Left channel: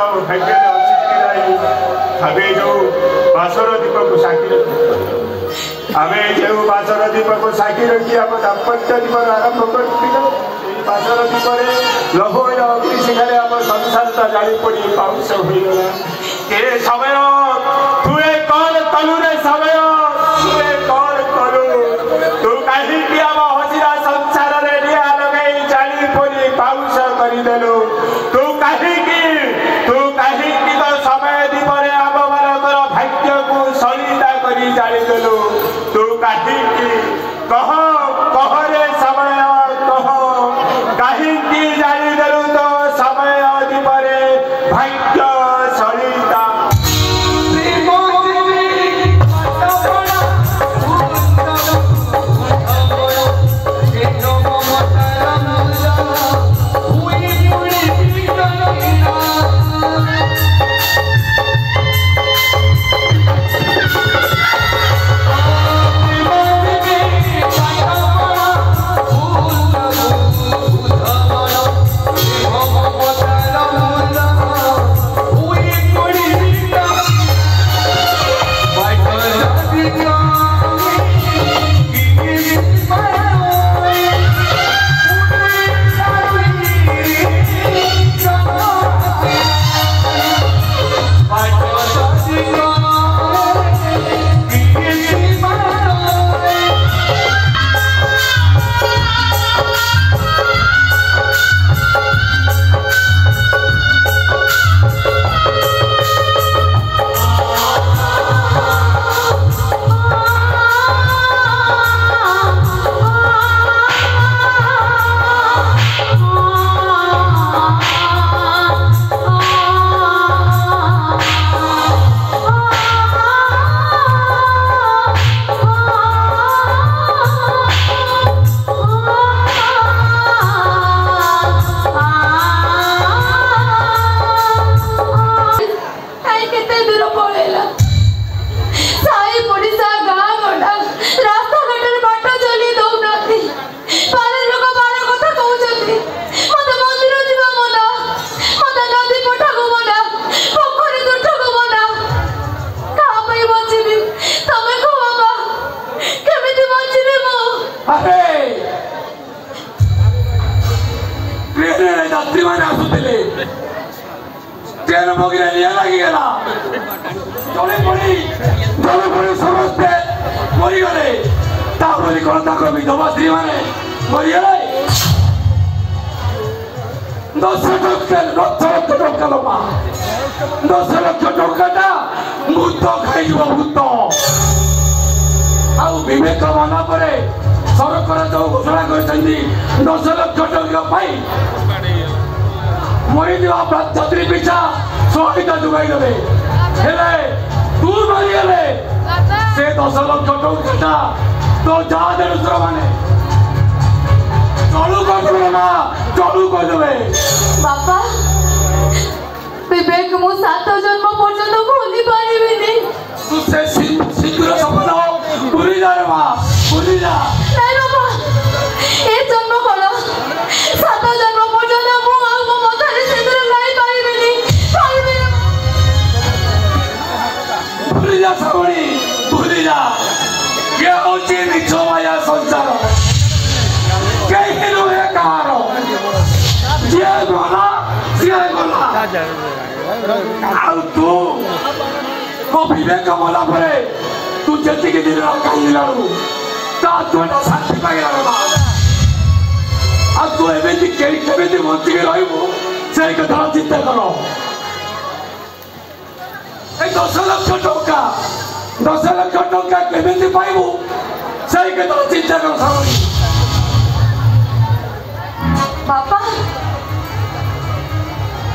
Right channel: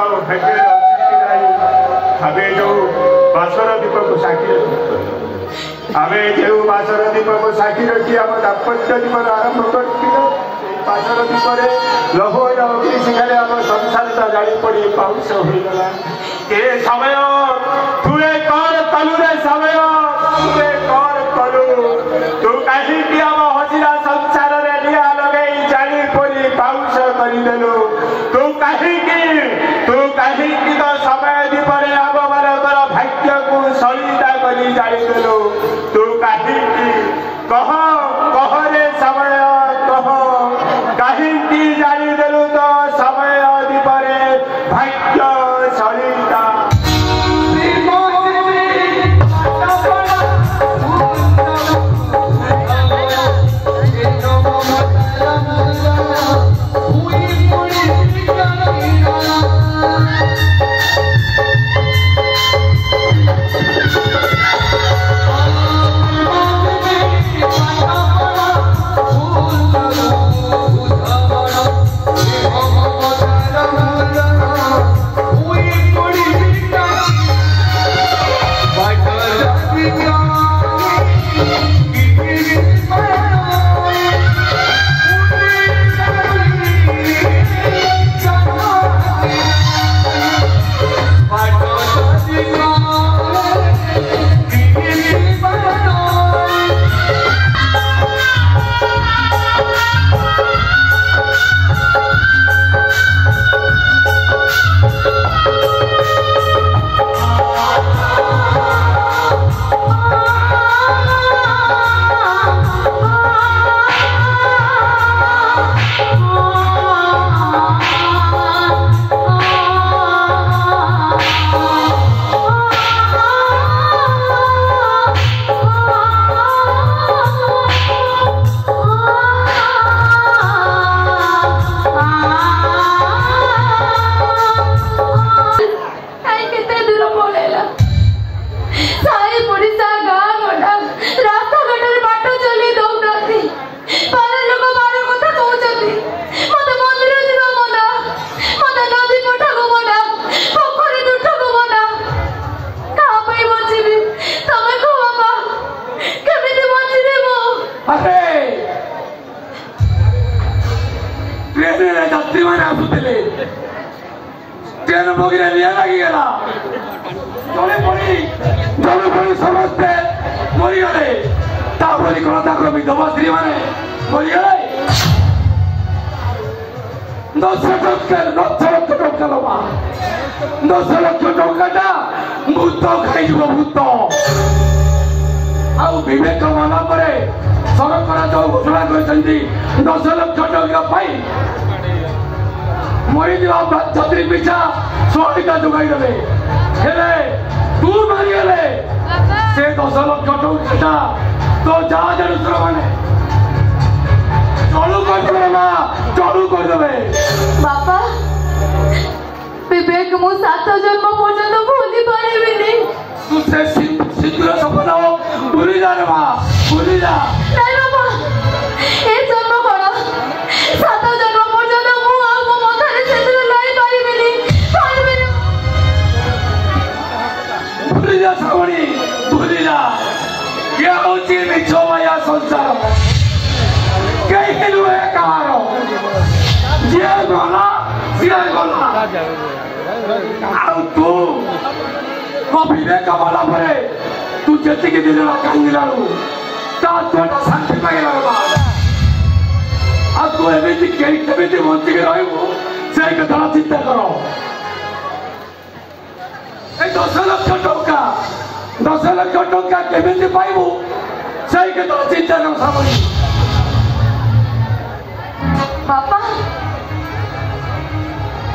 ଆମ ଭାଗ୍ୟରେ ଅଛି କି ନାହିଁ ଆମେ ଯେଉଁ ବାସର ଦୀପକୁ ସାକ୍ଷୀ ରଖି ଆମେ ଯେଉଁ ବାସର ଦୀପକୁ ସାକ୍ଷୀ ରଖି ଆମ ଦାମ୍ପତ୍ୟ ଜୀବନ ଆରମ୍ଭ କରିଥିଲୁ ସେଇ ବାସର ଦୀପରେ ଲୌହ ଅଗ୍ନି ଶିଖାରେ ଆମ ସଂସାରଟା ଜାଳି ପଡ଼ି ପାଉଁଶ ହୋଇଗଲା ଏ ସମୟ ତୁଏ କଣ କଲୁ ରେ ସମୟ ତୁଏ କଣ କଲୁ ତୁ କାହିଁକି ଆମ ହସିରା ସଂସାରରେ ନିଆଁ ଲଗେଇ ଜାଳି ପଡ଼ି ପାଉଁଶ କରିଦେଲୁ ତୁ କାହିଁକି ତ ସମୟ ଦୀପରେ ଆମ ମାନଙ୍କର ଭାଗ୍ୟକୁ ସଳିତା କରି ଜାଳିଦେଲୁ ତୁ କାହିଁକି କହରେ ସମୟ କହ କାହିଁକି ଜାଳିଦେଲୁ ତ ସମୟ ଦୀପରେ ଭାଗ୍ୟ ସଳିତା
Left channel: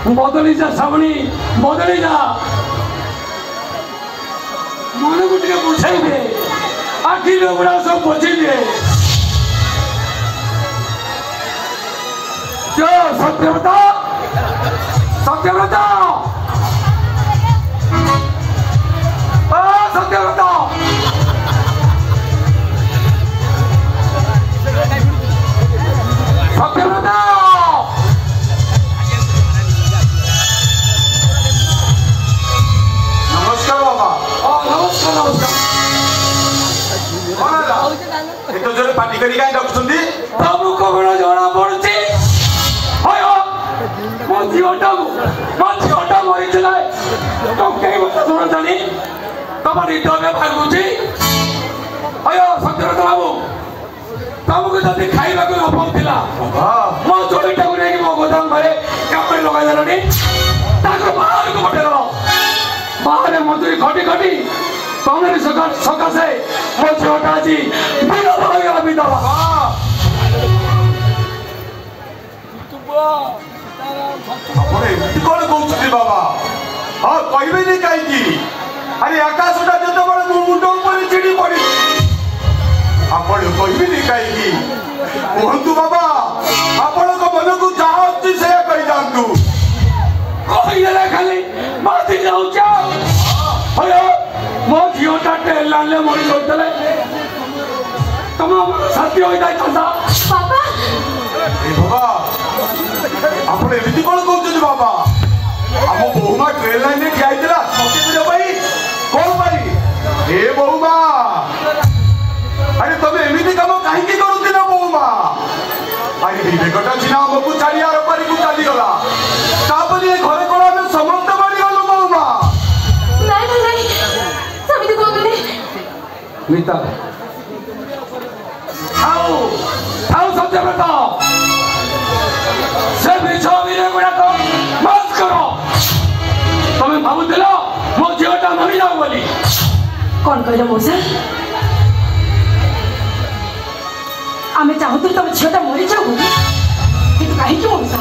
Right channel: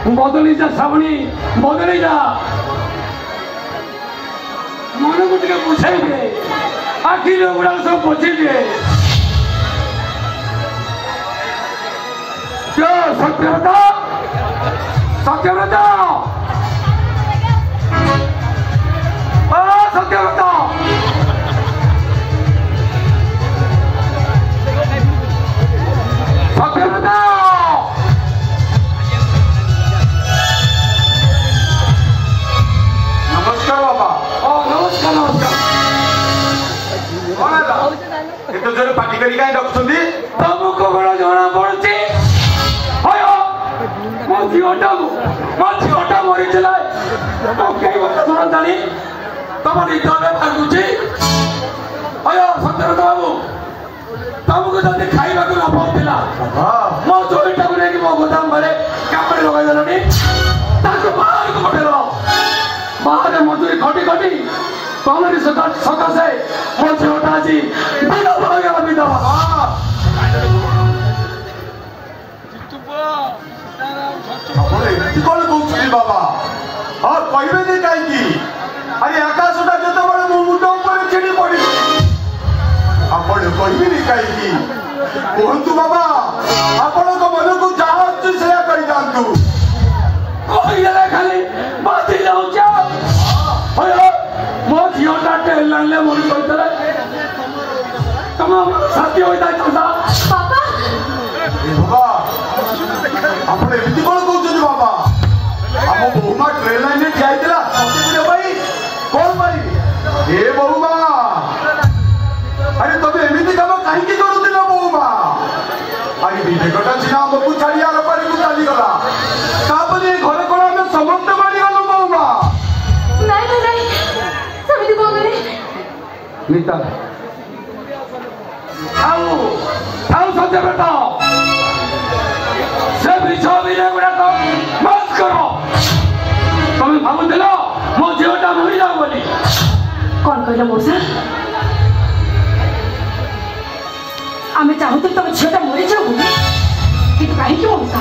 बदली जा श्रावणी बदली जा मन को टे बुझाई दे आखि लोगड़ा सब पोछी दे जो सत्यव्रता सत्यव्रता सत्यव्रता सत्यव्रता ଏତେ ପାଟି କରି କାଇଁ ଡାକୁଛନ୍ତି? ତମକୁ କଣ ଜଣା ପଡୁଛି? ମୋ ଝିଅଟା ମରିଥିଲା ଶୁଣ ଜାଣି ତମ ନିଦରେ ଭାଗୁଛି। ସତ୍ୟବ୍ରତ ବାବୁ ତମକୁ ଯଦି ଖାଇବାକୁ ଅଭାବ ଥିଲା ମୋ ଜମିଟାକୁ ନେଇକି ମୋ ଗୋଦାମ ଘରେ କାମରେ ଲଗାଇଦେଲନି। ତାକୁ ବାହାରକୁ ପଠେଇଲ। ବାହାରେ ମଜୁରୀ ଖଟି ଖଟି ତମରି ସକାଶେ ମୋ ଝିଅଟା ଆଜି ବିଧବା ହୋଇଗଲା। ବିଧବା ଆପଣ ଏମିତି କଣ କହୁଛନ୍ତି ବାବା? ହଁ କହିବେନି କାହିଁକି? ଆରେ ଆକାଶଟା ଯେତେବେଳେ ମୋ ମୁଣ୍ଡ ଉପରେ ଚିଡ଼ି ପଡି ଆପଣ କହିବେନି କାହିଁକି? କୁହନ୍ତୁ ବାବା, ଆପଣଙ୍କ ମନକୁ ଯାହା ଅଛି ସେଇଆ କରିଯାଆନ୍ତୁ। କହିଦେଲେ ଖାଲି ବାତି ଯାଉଛି। ମୋ ଝିଅଟା ଟ୍ରେନ୍ ଲାଇନ୍ରେ ମରି ଯାଉଥିଲେ ତମ ସାଥୀ ହୋଇଯାଇଥାନ୍ତା। ଏ ବାବା ଆପଣ ଏମିତି କଣ କହୁଛନ୍ତି ବାବା? ଆମ ବୋହୁମା ଟ୍ରେନ୍ ଲାଇନ୍ରେ ଠିଆ ହେଇଥିଲା ପାଇଁ କଣ ପାଇଁ? ଏ ବୋହୁମା ଆରେ ତମେ ଏମିତି କାମ କାହିଁକି କରୁଥିଲ ବୋହୁମା? ଆରେ ବିବେକଟା ସିନା ଆମକୁ ଛାଡ଼ି ଆର ପାରିକୁ ଚାଲିଗଲା, ତାପରେ ଏ ଘରେ କଣ ଆମେ ସମସ୍ତେ ମାରିଗଲୁ ବୋହୁମା? ମିତା ଆଉ ସତ୍ୟବ୍ରତ ସେ ମିଛ ଅଭିନୟ ଗୁଡାକ ବନ୍ଦ କର। ତମେ ଭାବୁଥିଲ ମୋ ଝିଅଟା ମରିଯାଉ ବୋଲି। କଣ କହିଲ ମଉସା? ଆମେ ଚାହୁଁଥିଲୁ ତମ ଝିଅଟା ମରିଯାଉ ବୋଲି, କିନ୍ତୁ କାହିଁକି ମଉସା?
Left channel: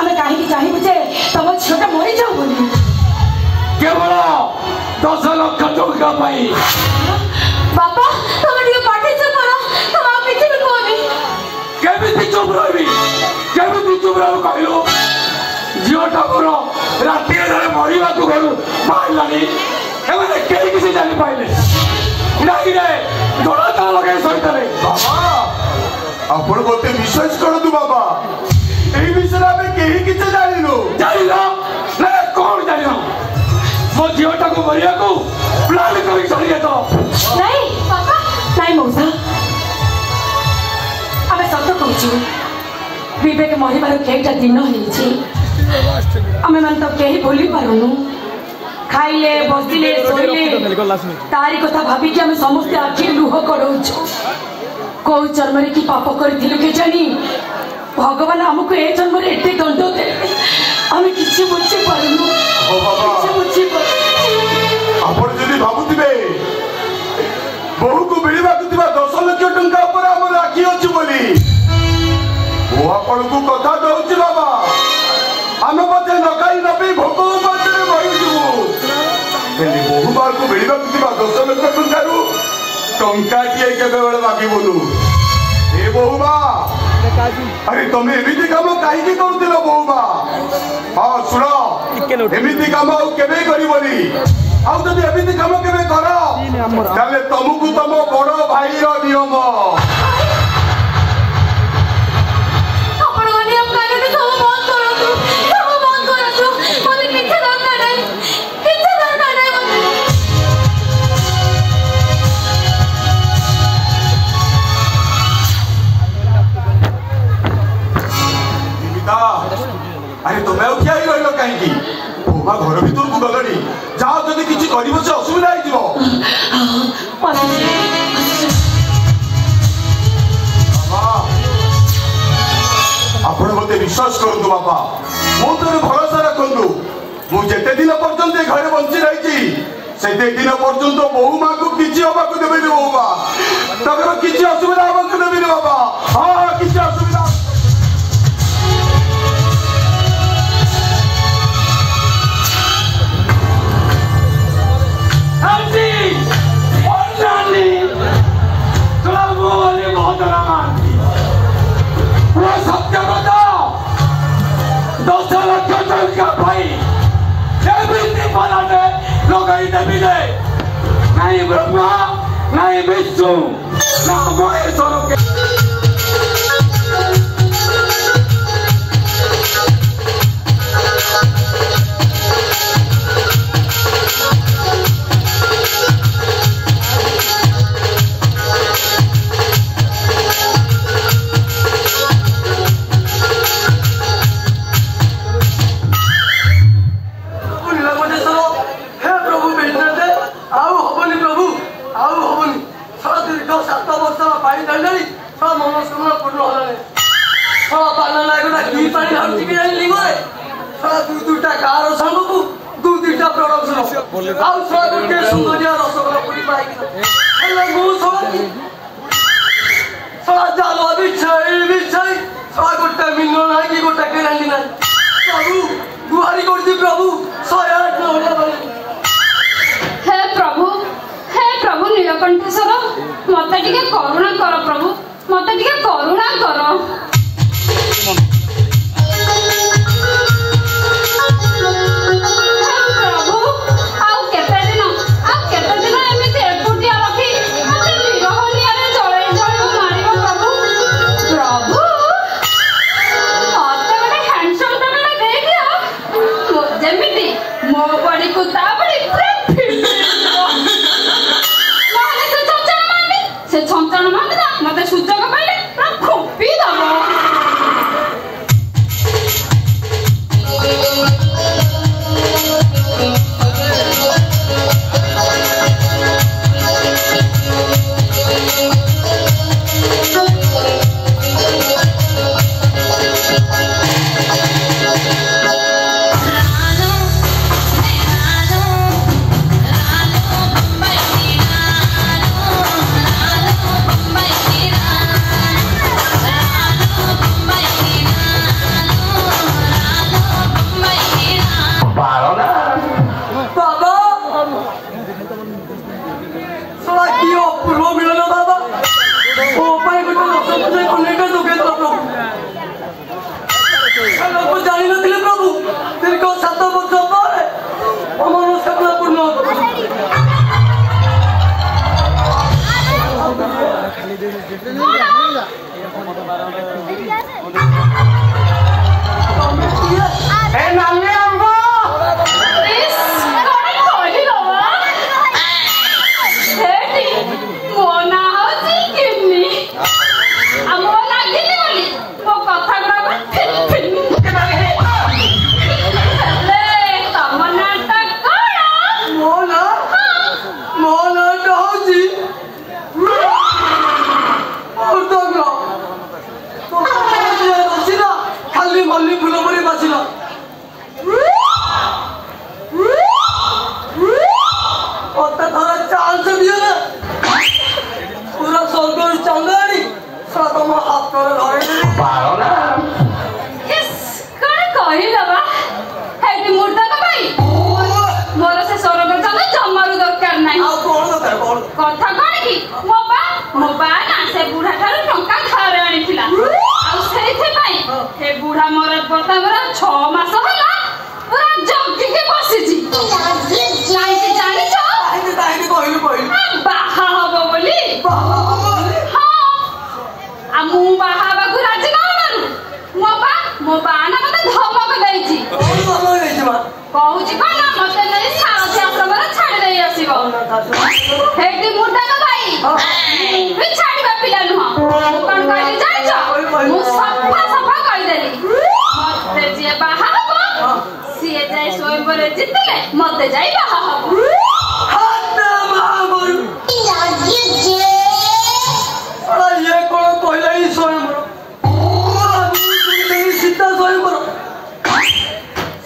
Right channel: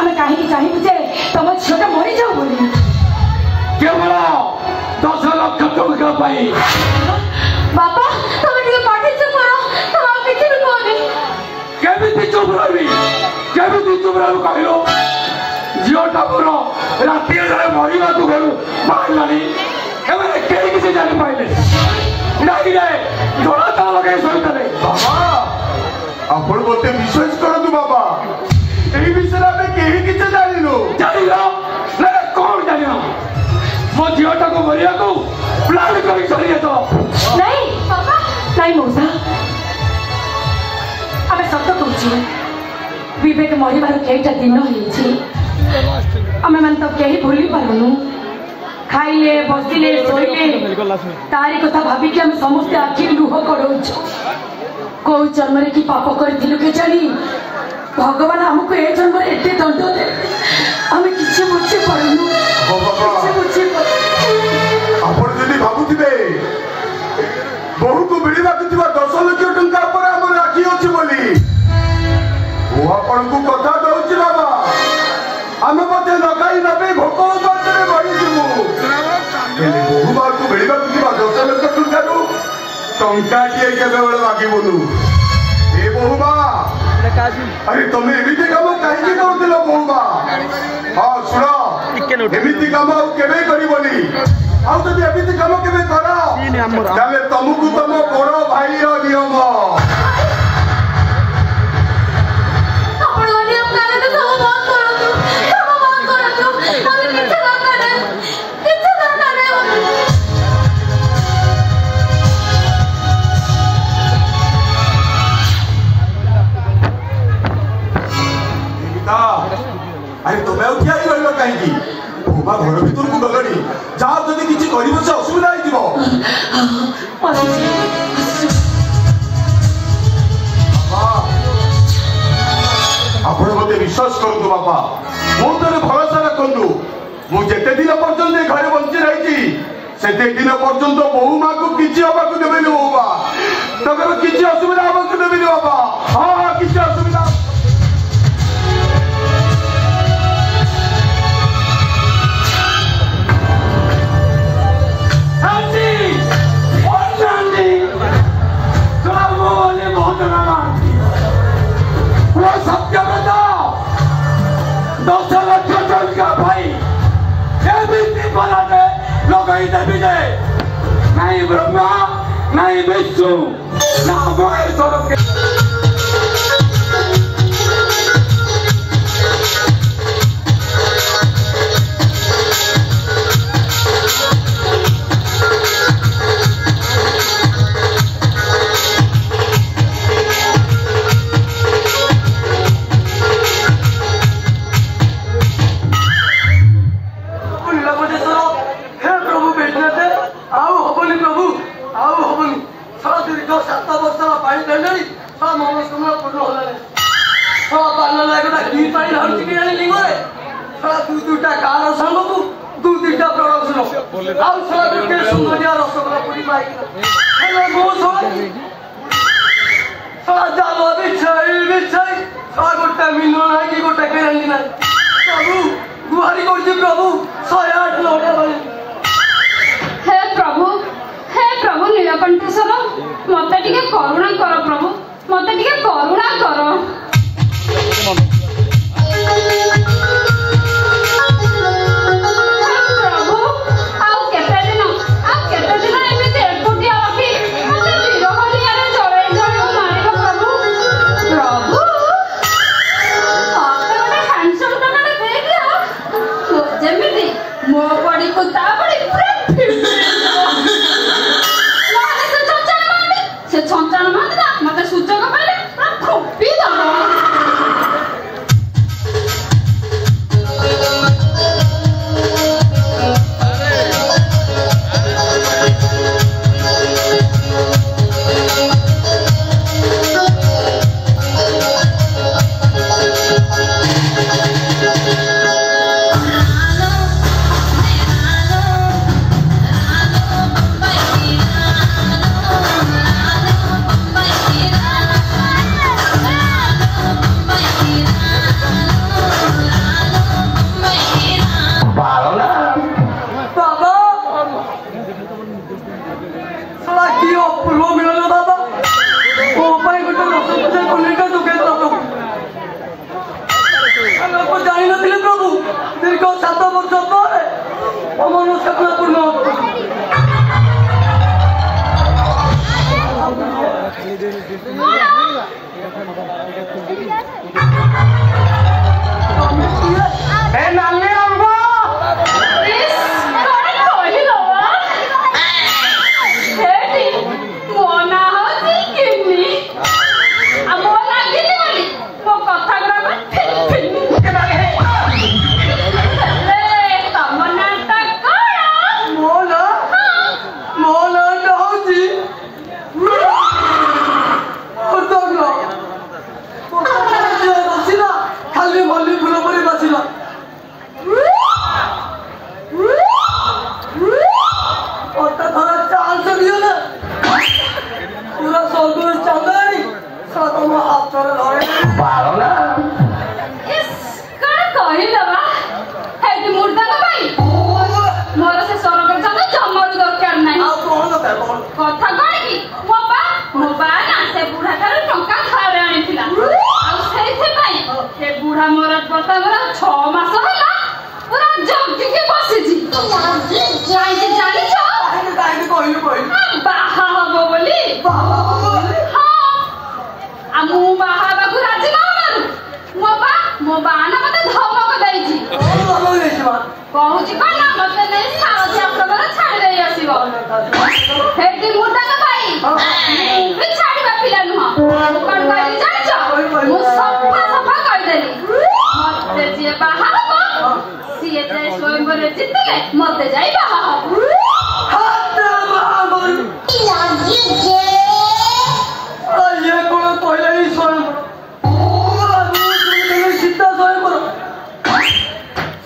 ଆମେ କାହିଁକି ଚାହିଁବୁ ଯେ ତମ ଝିଅଟା ମରିଯାଉ ବୋଲି? କେବଳ 10 ଲକ୍ଷ ଟଙ୍କା ପାଇଁ। ବାପା ତମେ ଟିକେ ପାଟି ଚୁପ କର। ତମେ ଆଉ କିଛି ବି କୁହନି। କେମିତି ଚୁପ ରହିବି? କେମିତି ଚୁପ ରହିବୁ କହିଲୁ? ଝିଅଟା ମୋର ରାତିରେ ମରିବାକୁ ଘରୁ ବାହାରିଲାଣି। ଏମାନେ କେହି କିଛି ଜାଣିପାରିଲେ ନାଇଁରେ ଘୋଡ଼ା ତା ଲଗାଇ ଶୋଇଥିଲେ। ବାବା ଆପଣ ମୋତେ ବିଶ୍ୱାସ କରନ୍ତୁ ବାବା, ଏହି ବିଷୟରେ ଆମେ କେହି କିଛି ଜାଣିନୁ। ଜାଣିଲ ନା କଣ ଜାଣିନ? ମୋ ଝିଅଟାକୁ ମରିବାକୁ ପ୍ଲାନ୍ କରି ଚାଲିଯାଇଛ। ନାଇଁ ବାପା, ନାଇଁ ମଉସା, ଆମେ ସତ କହୁଛୁ। ବିବେକ ମରିବାର କେଇଟା ଦିନ ହେଇଛି। ଆମେମାନେ ତ କେହି ଭୁଲି ପାରୁନୁ। ଖାଇଲେ ବସିଲେ ଶୋଇଲେ ତାରି କଥା ଭାବିକି ଆମେ ସମସ୍ତେ ଆଖିରେ ଲୁହ ଗଡ଼ଉଛୁ। କୋଉ ଜନ୍ମରେ କି ପାପ କରିଥିଲୁ କେଜାଣି ଭଗବାନ ଆମକୁ ଏ ଜନ୍ମରେ ଏତେ ଦଣ୍ଡ ଦେଲେ ଆମେ କିଛି ବୁଝି ପାରୁନୁ। କିଛି ବୁଝି ଆପଣ ଯଦି ଭାବୁଥିବେ ବୋହୁକୁ ମିଳିବାକୁ ଥିବା 10 ଲକ୍ଷ ଟଙ୍କା ଉପରେ ଆମର ଆଖି ଅଛି ବୋଲି, ମୁଁ ଆପଣଙ୍କୁ କଥା ଦଉଛି ବାବା, ଆମେ ମଧ୍ୟ ନଗାଇ ନବି ଭୋକ ଉପାସରେ ମରିଯିବୁ। ହେଲେ ବୋହୁମାକୁ ମିଳିବାକୁ ଥିବା 10 ଲକ୍ଷ ଟଙ୍କାରୁ ଟଙ୍କାଟିଏ କେବେବେଳେ ମାଗିବୁନୁ। ଏ ବୋହୁମା ଆରେ ତମେ ଏମିତି କାମ କାହିଁକି କରୁଥିଲ ବୋହୁମା? ହଁ ଶୁଣ, ଏମିତି କାମ ଆଉ କେବେ କରିବନି। ଆଉ ଯଦି ଏମିତି କାମ କେବେ କର ତାହେଲେ ତମକୁ ତମ ବଡ ଭାଇର ନିୟମ। ଆରେ ତମେ ଆଉ ଠିଆ ହେଇ ରହିଲ କାହିଁକି? ବୋହୁମା ଘର ଭିତରକୁ ଗଲଣି, ଯାହା ଯଦି କିଛି କରିବ ସେ ଅସୁବିଧା ହେଇଯିବ। ଆପଣ ମତେ ବିଶ୍ୱାସ କରନ୍ତୁ ବାପା, ମୋ ଉପରେ ଭରସା ରଖନ୍ତୁ। ମୁଁ ଯେତେ ଦିନ ପର୍ଯ୍ୟନ୍ତ ଏ ଘରେ ବଞ୍ଚି ରହିଛି ସେତେ ଦିନ ପର୍ଯ୍ୟନ୍ତ ବୋହୁମାକୁ କିଛି ହବାକୁ ଦେବେନି। ବୋହୁମା ତାଙ୍କର କିଛି ଅସୁବିଧା ହବାକୁ ଦେବେନି ବାପା। ହଁ କିଛି ଅସୁବିଧା ସତ୍ୟବ୍ରତ 10 ଲକ୍ଷ ଟଙ୍କା ପାଇଁ ଏମିତି ପରାଟେ ଲଗାଇ ଦେବି ଯେ ନାଇଁ ବ୍ରହ୍ମା ନାଇଁ ବିଷ୍ଣୁ ନା ମହେଶ୍ୱର पानी ढंढली सब मनोकामना पूर्ण होला सब पानी लागेला की पानी हरती के लिंगो सब दुटा कार संगो दुटा प्रोडक्शन आउ सब के सुंदर रसगोल्ला पूरी पाई हेलो गो सब जालो बिछाई सब गोटा मिलो ना कि गोटा केरली ना प्रभु गुहारी करती प्रभु 108 मोड़ा हे प्रभु नीलकंठेश्वर मते टिके करुणा कर प्रभु मते टिके करुणा कर प्रभु आउ केते दिन एमिते एकुटिया रखी मते बिरहलियारे जळे मारिबो प्रभु आपन गोटे हैंडसम तने दे दियो जेमिति मो बड़ी को ता बड़ी से छंचान मारदा मते सुचक पाइले खोपी दबो मते जाई बाहा हबो ये कोन पहले ही स्वयं सीता स्वयं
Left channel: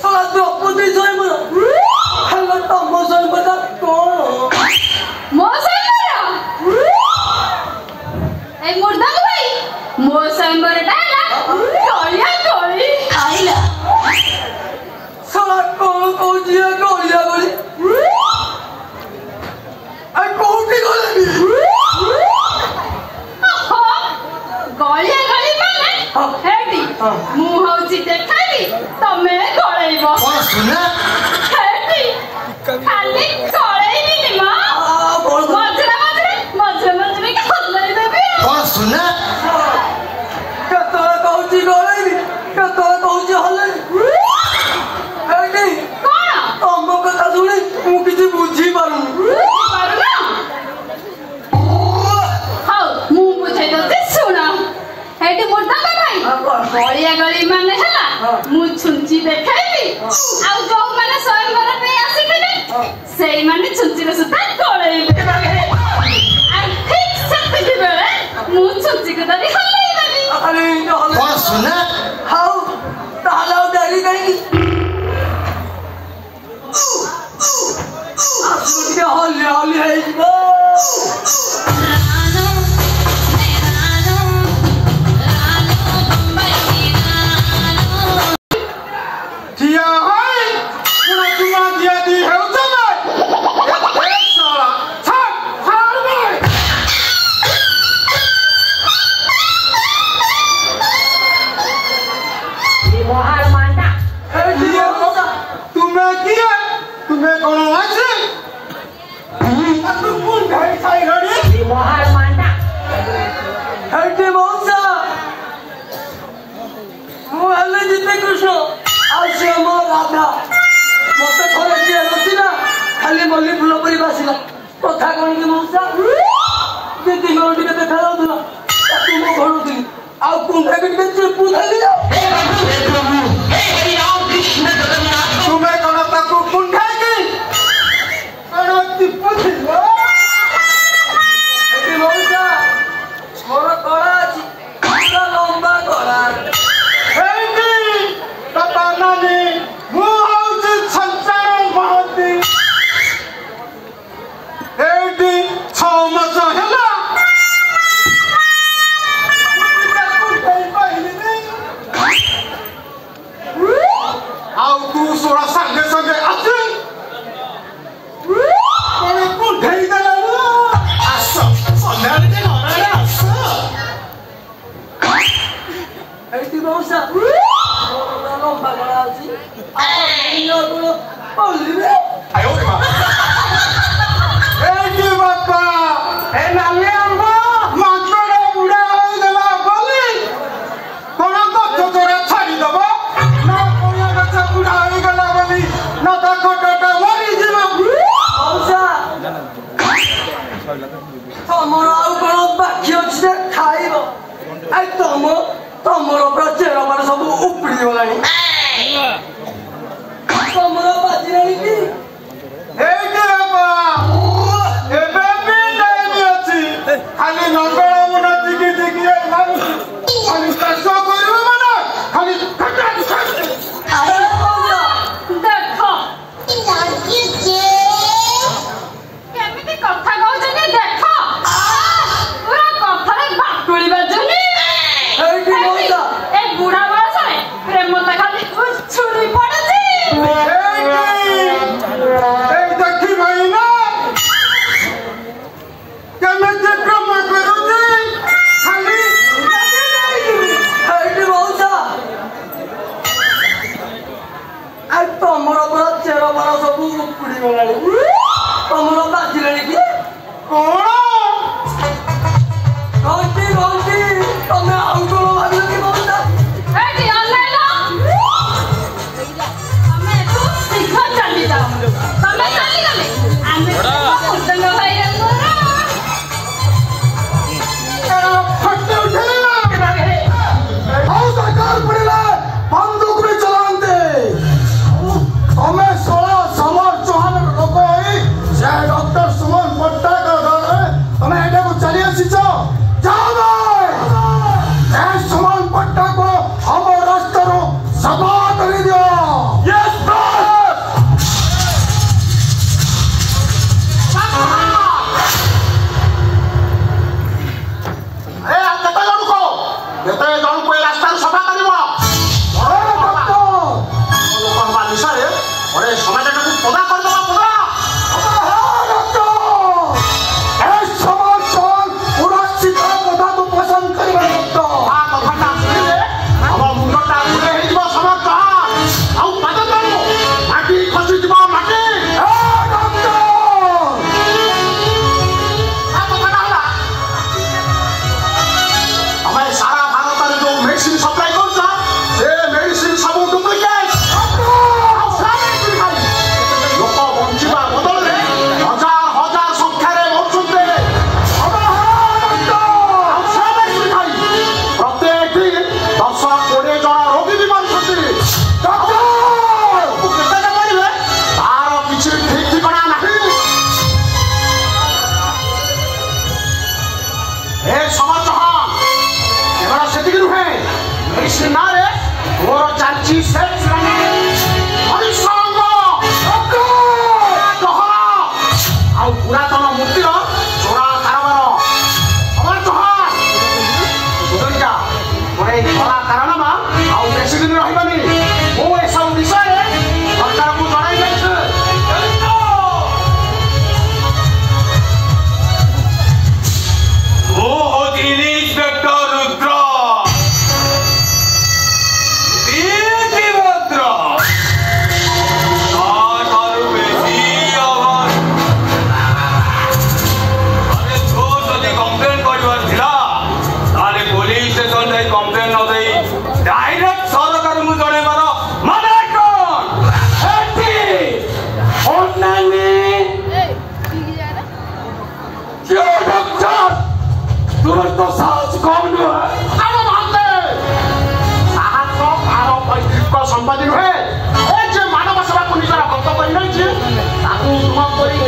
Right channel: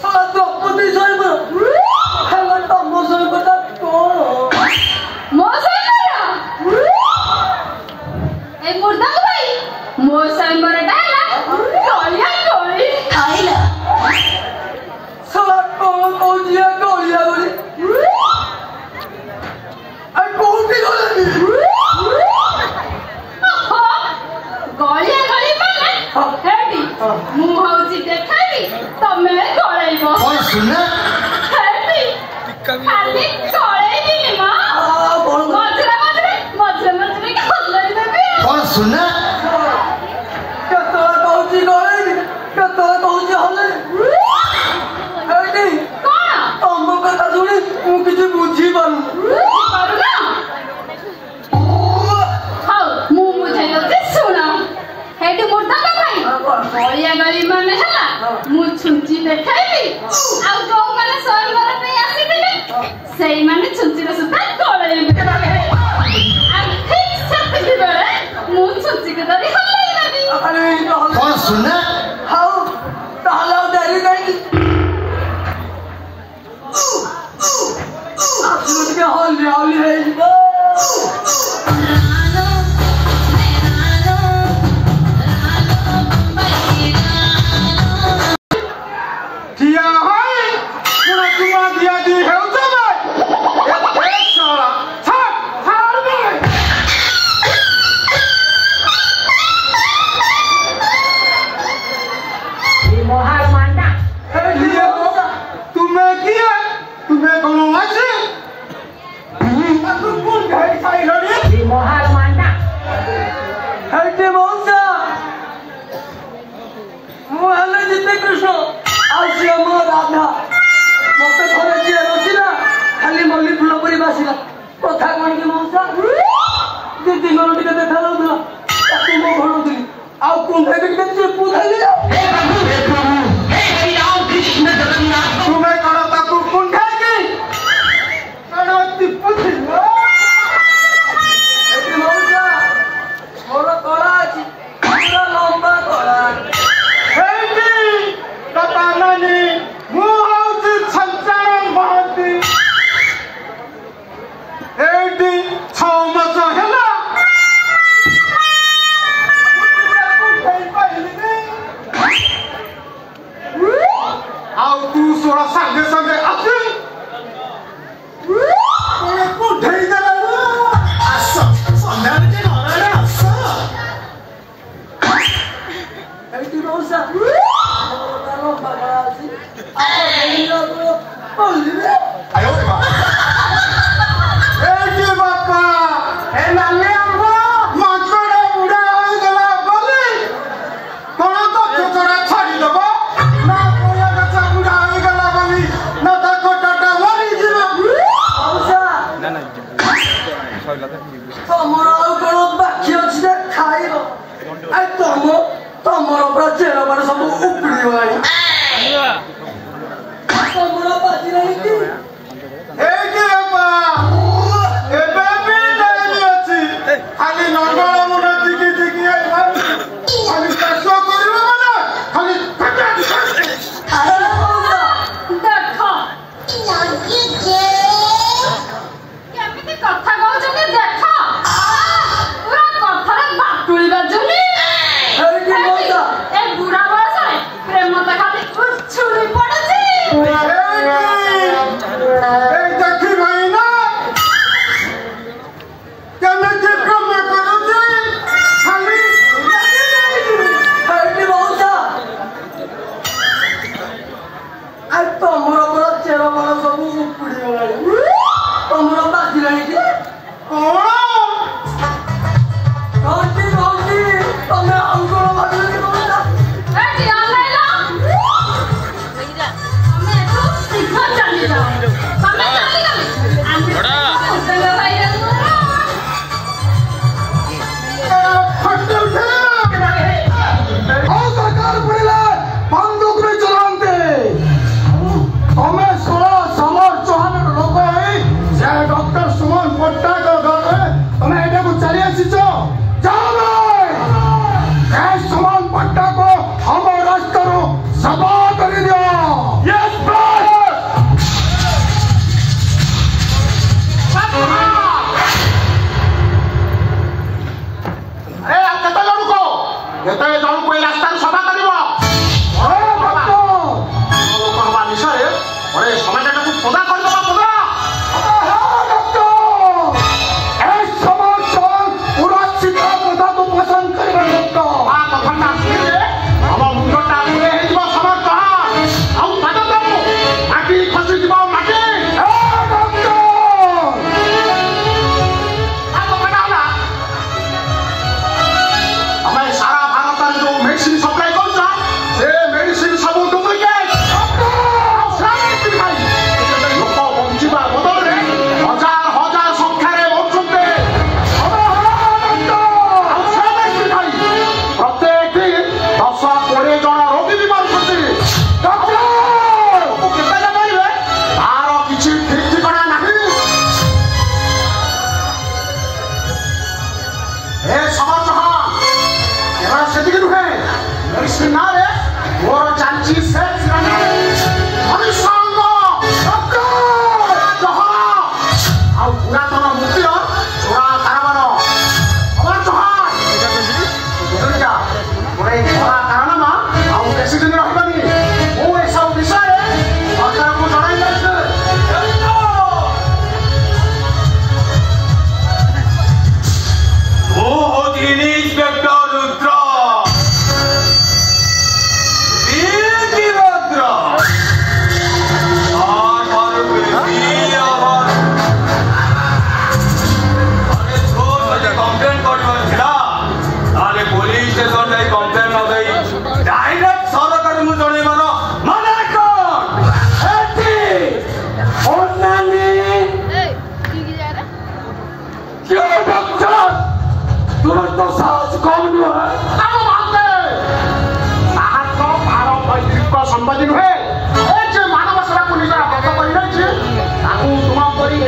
साला द्रौपदी स्वयं हेलो तम स्वयं बता कौन मो स्वयं ए मुर्दा भाई मो स्वयं बरटा ना टोलिया टोली आइला साला कौन पहुंचिया टोलिया बोली आ कोठी गले गलिया गली माने हेडी मु हउची देखाली तमे गळैबो सुना हेडी खाली गळैबी नि मा मजरा के हल्लाई देबी सुना कतो कहउची गळैबी कतो कहउची हल्लाई हेडी कोन तम्बो कथा सुनी मु किछि बुझी पारु पारुना हाउ मु बुझै दे सुना हेडी मुर्दा का भाई गलिया गली माने हला मु छुंची देखाइबी आ जो माने स्वयंवर पे आसीथिले सेई माने छुंची रे सुता गळैबी आ ठीक सेति बेले मु से हल्ली हल्ली है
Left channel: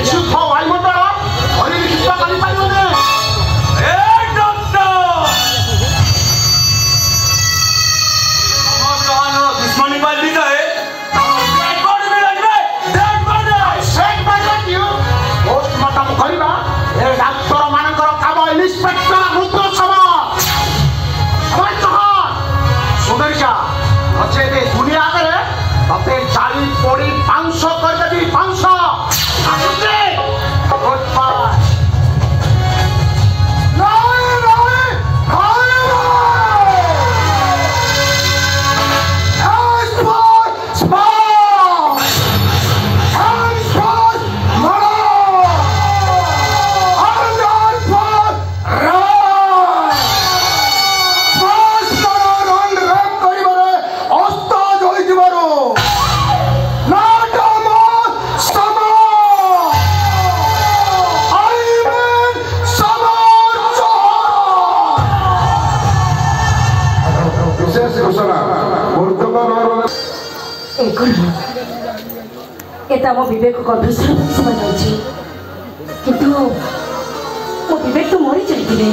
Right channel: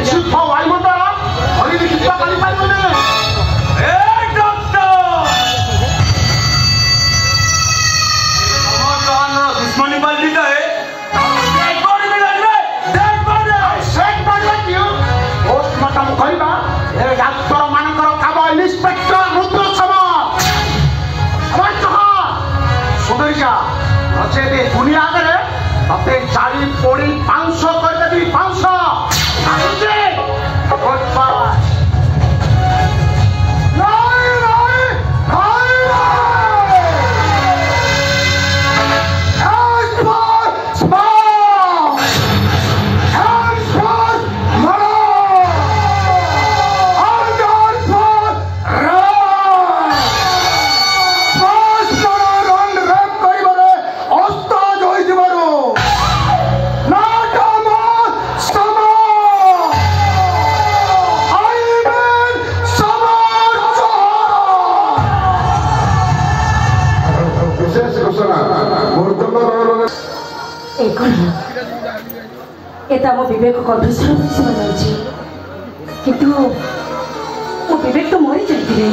ବିଶୁଦ୍ଧ ବାୟୁମଣ୍ଡଳ ପରିଲିଖିତ କରିପାରିବୁନି। दुश्मनी पार्टी का है दुनिया आगे मत चाली पोड़ी 500 कर देवी 500 मो विवेक गभीर शुणा जाऊँगी किंतु मो विवेक तो मरी जाते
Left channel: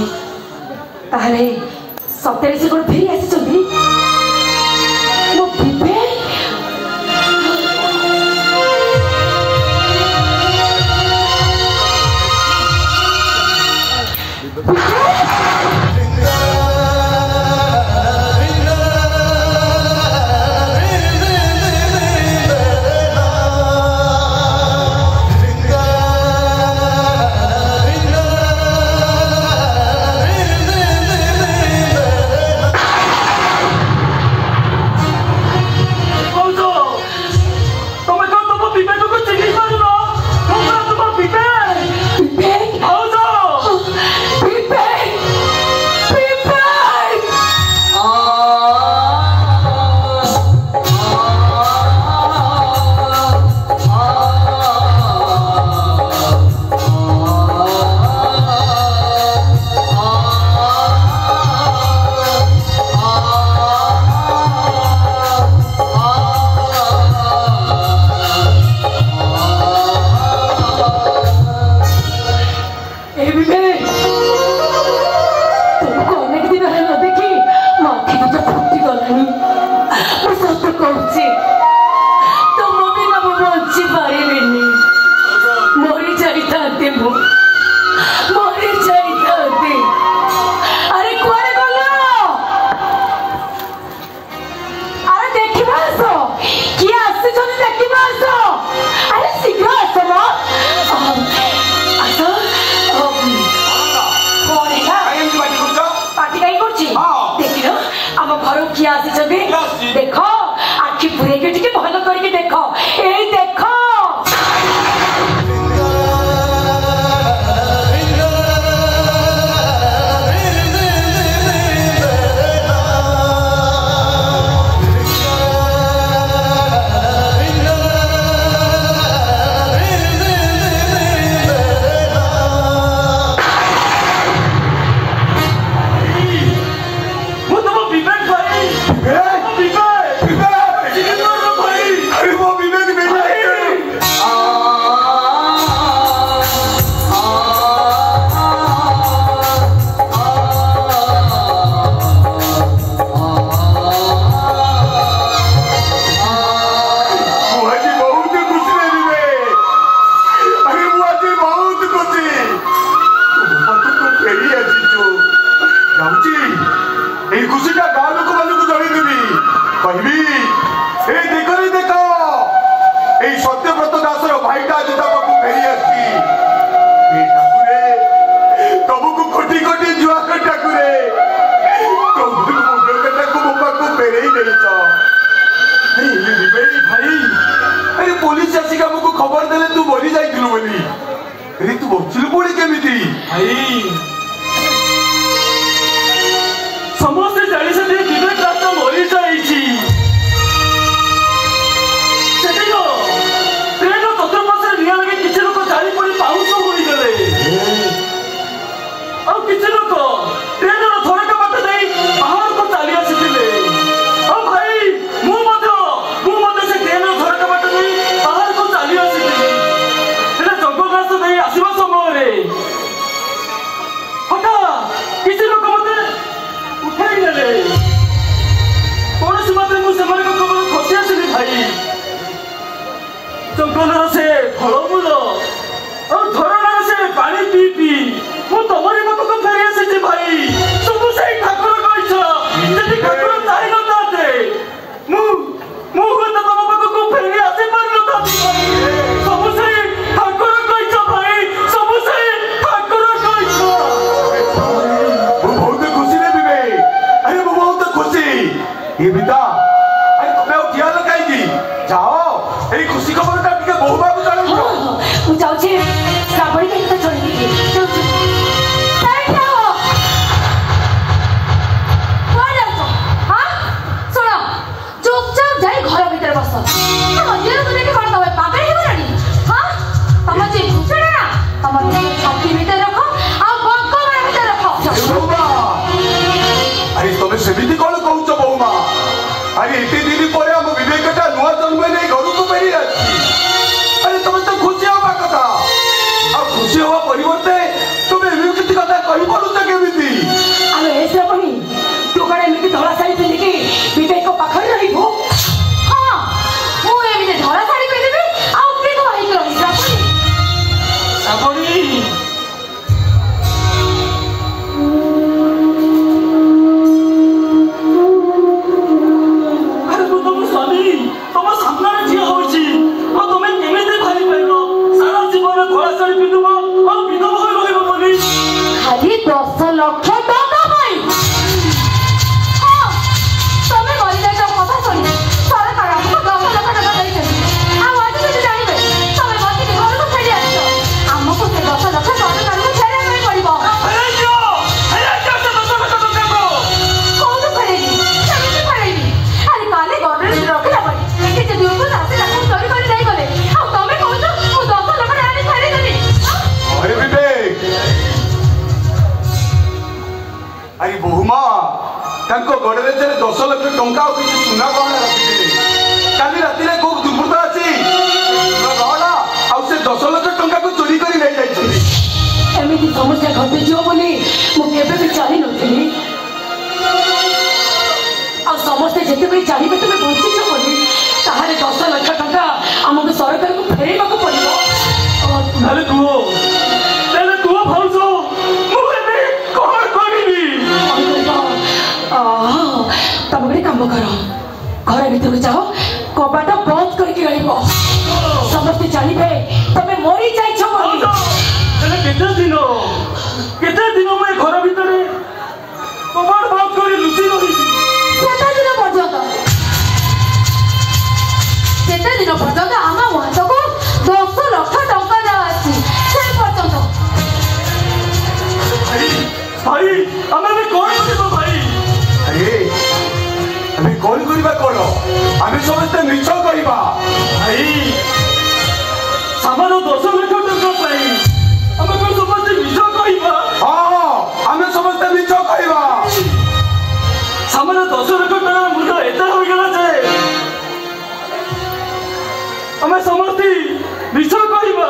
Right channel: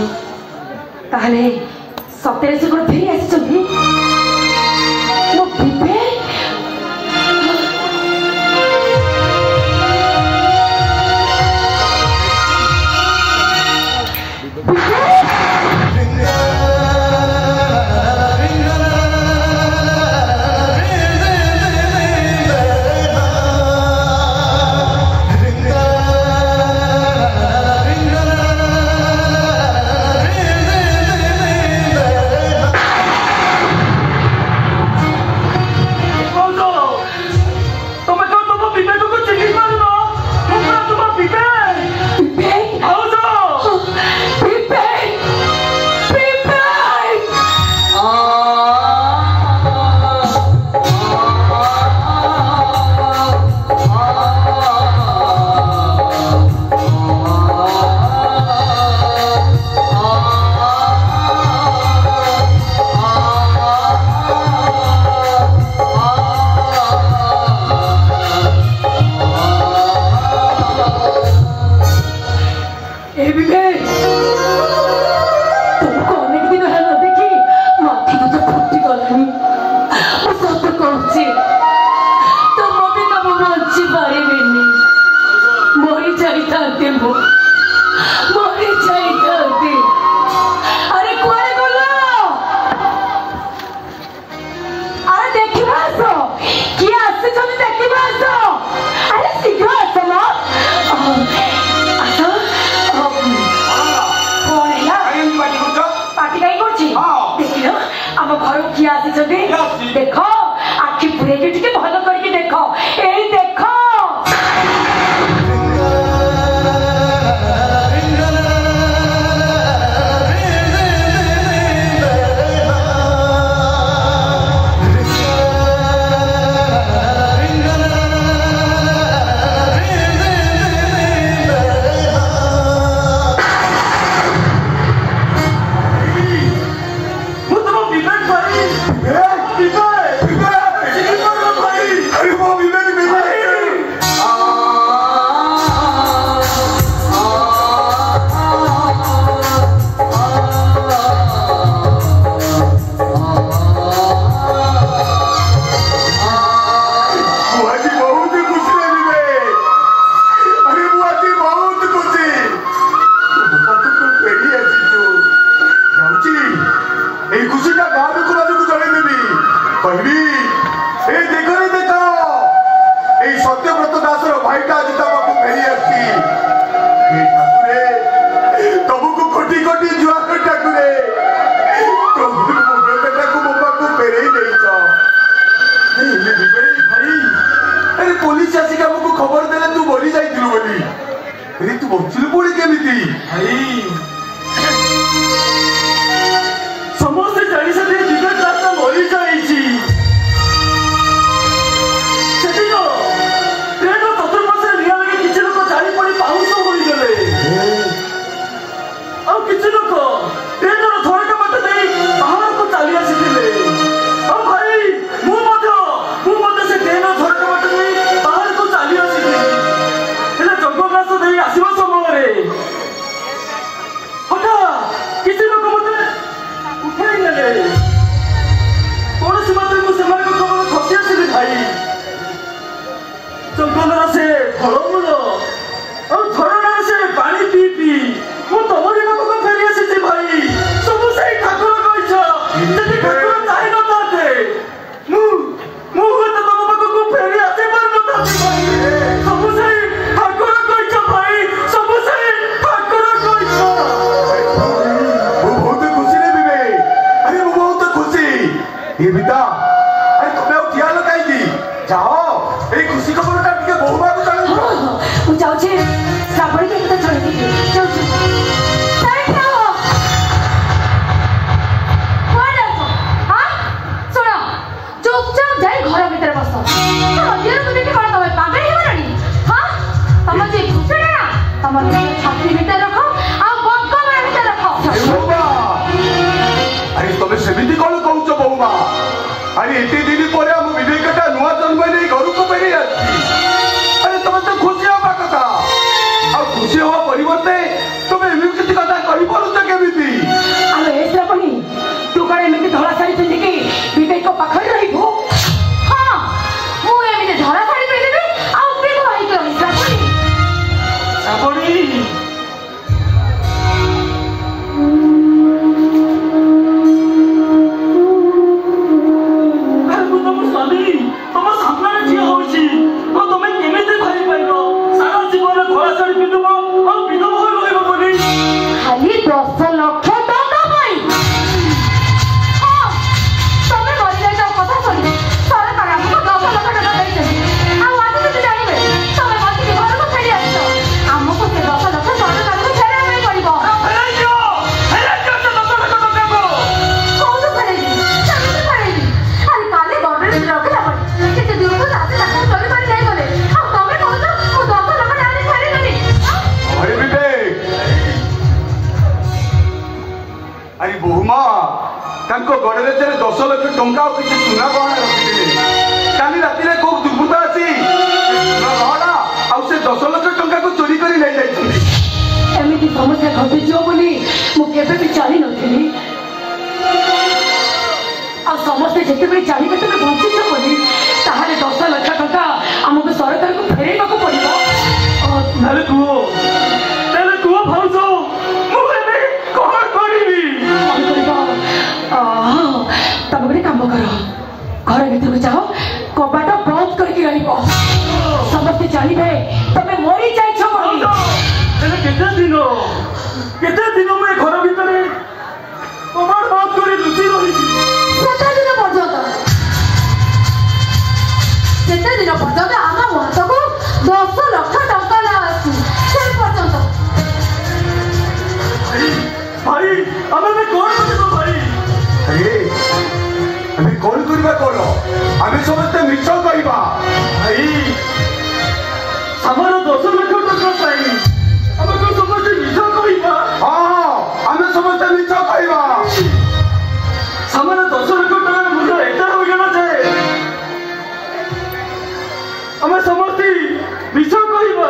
सतरे से कौन फेरी आसी मो विवेक देख आखि पुरे के भल करके देख ए देख पुलिस आसिक हमको खबर देले तू बोली जाइथिलु बोली अरे तू बचिलु बोली केमिति भाई समस्त जानी से दिवे रात मरी जाईची सेटिको ट्रेन चतुर्पार्श्व निया लगे किछि लोक जारी पड़ी पाउस होई गले और किछि लोक ट्रेन रो थोड़का बात देई बाहर को चली आसीथिले और भाई मु मध्य से ट्रेन रो थोड़का बात देई बाहर को चली आसीथिले एला जगबास জানিবে তবে মরি যাইছ বলি কেতে দিন মই ঘর ভিতরে তোমার বাদ করে লুচি রহিছি কেতে দিন পর্যন্ত আমার হাতକୁ 10 লক্ষ ଟଙ୍କା দেওয়া আছে সে পর্যন্ত ভাই আমি কোন দিব ভাই আরে আমি কোন করিবা কোন আমি সমস্তে মিছ করিবা ভাই আমার 10 লক্ষ টাকা পাই আমি কোন সমস্তে মিছ কইবা হ্যাঁ আমি সমস্তে মিছ করিবা আমার 10 লক্ষ টাকা মূল্য এটা হই গেল যে আমি সমস্তে মিছ কইবা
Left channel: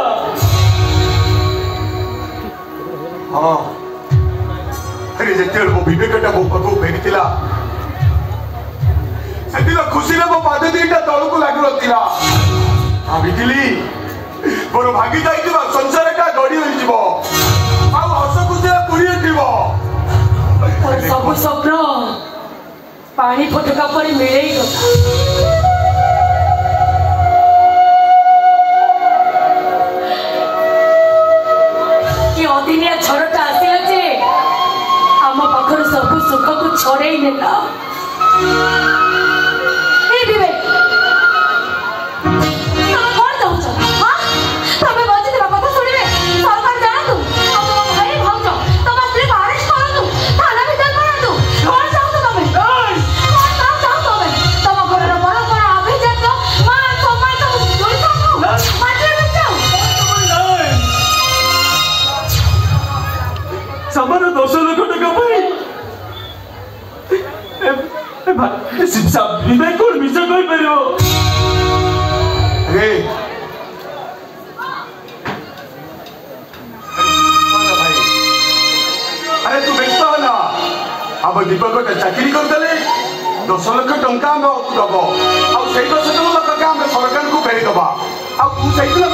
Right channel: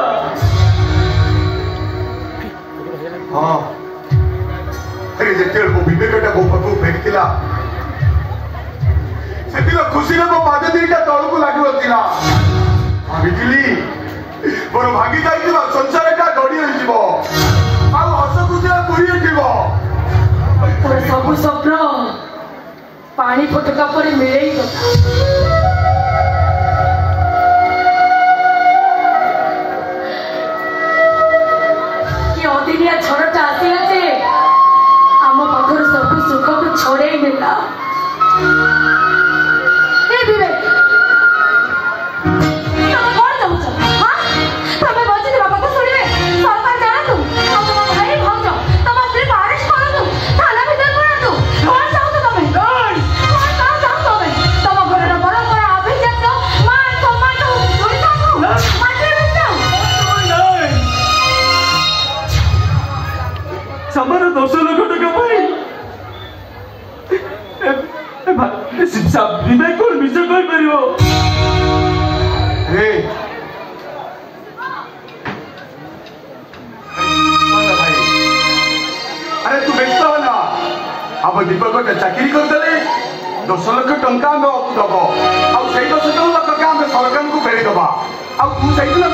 হ্যাঁ আরে যেতেବେଳେ ମୋ ବିବେକଟା ମୋ ପାଖକୁ ଫେରିଥିଲା ସେଦିନ ଖୁସିରେ ମୋ ପାଦ ଦିଟା ତଳକୁ ଲାଗୁନଥିଲା ଭାବିଥିଲି ମୋର ଭାଙ୍ଗି ଯାଇଥିବା ସଂସାରଟା ଗଢି ହୋଇଯିବ ଆଉ ହସ ଖୁସିରେ ପୁରୀ ଉଠିବ তোর সবু স্বপ্ন পানি ফোটকা পরে মিলেই গলা কি অদিনিয়া ঝড়টা আসিলা যে ଆମ ପାଖରୁ ସବୁ ସୁଖକୁ ଛଡେଇ ନେଲା ଏ ବିବେକ ତମେ କଣ ଚାହୁଁଛ ତମେ ବଞ୍ଚିଥିବା କଥା ଶୁଣିବେ ସରକାର ଜାଣନ୍ତୁ ଭାଇ ଭାଉଜ ତମ ସ୍ତ୍ରୀକୁ ଆରେଷ୍ଟ କରନ୍ତୁ ଥାନା ଭିତରେ କରନ୍ତୁ କଣ ଚାହୁଁଛ ତମେ କଣ ଚାହୁଁଛ ତମେ ତମ ଘରର ପରମ୍ପରା ଅଭିଜାତ ମା ସମାଜ ଓଡ଼ିଶାକୁ ମାଟିରେ ମିଶାଉ আমার 10 লক্ষ টাকা পাই বিবেক কোন মিছ কই পারিব রে আরে তু ব্যস্ত হ না ଆମ ଦୀପକଟା ଚାକିରି କରିଦେଲେ 10 ଲକ୍ଷ ଟଙ୍କା ଆମେ ଦବ ଆଉ ସେଇ 10 ଲକ୍ଷ ଟଙ୍କା ଆମେ ସରକାରଙ୍କୁ ଫେରିଦବା ଆଉ ତୁ ସେଇଦିନ